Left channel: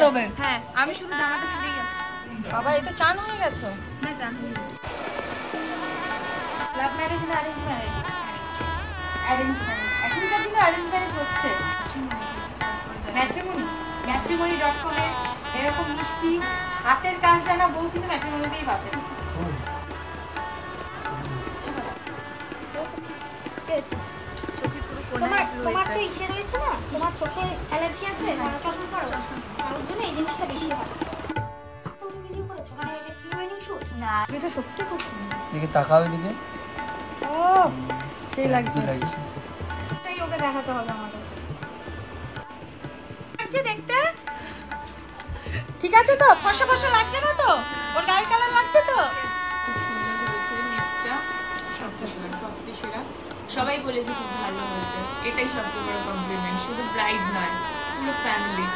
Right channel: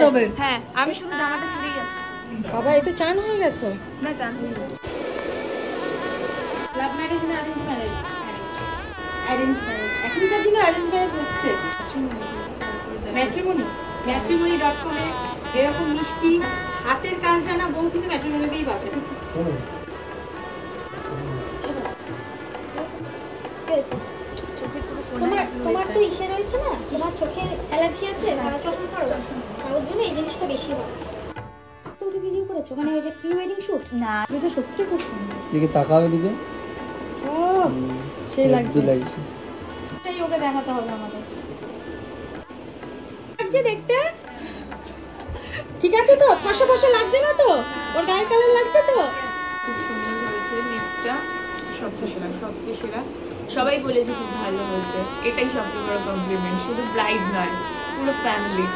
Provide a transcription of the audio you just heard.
বেরোবে। হ্যাঁ আমি শুধু জামাটা ছেড়েই আছি। বাবা এটা চান হয়ে গেছে না চান হয়ে গেছে। লাভ ম্যারেজ না অ্যারেঞ্জ ম্যারেজ? Arrange marriage. এখনকার দিনে অ্যারেঞ্জ ম্যারেজ হচ্ছে। ম্যাট্রিমনি matrimony.com এ এরকম মিষ্টি হাতের কাজ জানা বউ কিন্তু ম্যাট্রিমনিতেই পাবে। তোমার তো ইসে রয়েছে না, তোমার চোখের অ্যালার্জি আছে, চশমা পরো, ওর জন্য এই জিনিসটা বেশি হয়। তুমি ভিডিও করেছো মানে ওই যে প্রি ওয়েডিং শুট? না এটা সত্যি খুব সুন্দর। দিকে তাকাও দিকে। ও সেই লাগছে। তাই ওকে দেখাতে হবে আমাদের। লাগছে দেখতে ঠিক আছে তো? ফসা ফসা লাগছে না তো? ওর গায়ের কালার লাগছে তো? খুব সুন্দর হয়েছে লিপসটা, সবচেয়ে সেরা। সবাই বলেছে খুব ভালো হয়েছে, এটাই সবচেয়ে বড় কমপ্লিমেন্ট। শুধু ব্রাইড নয়, পুরো ফ্যামিলি।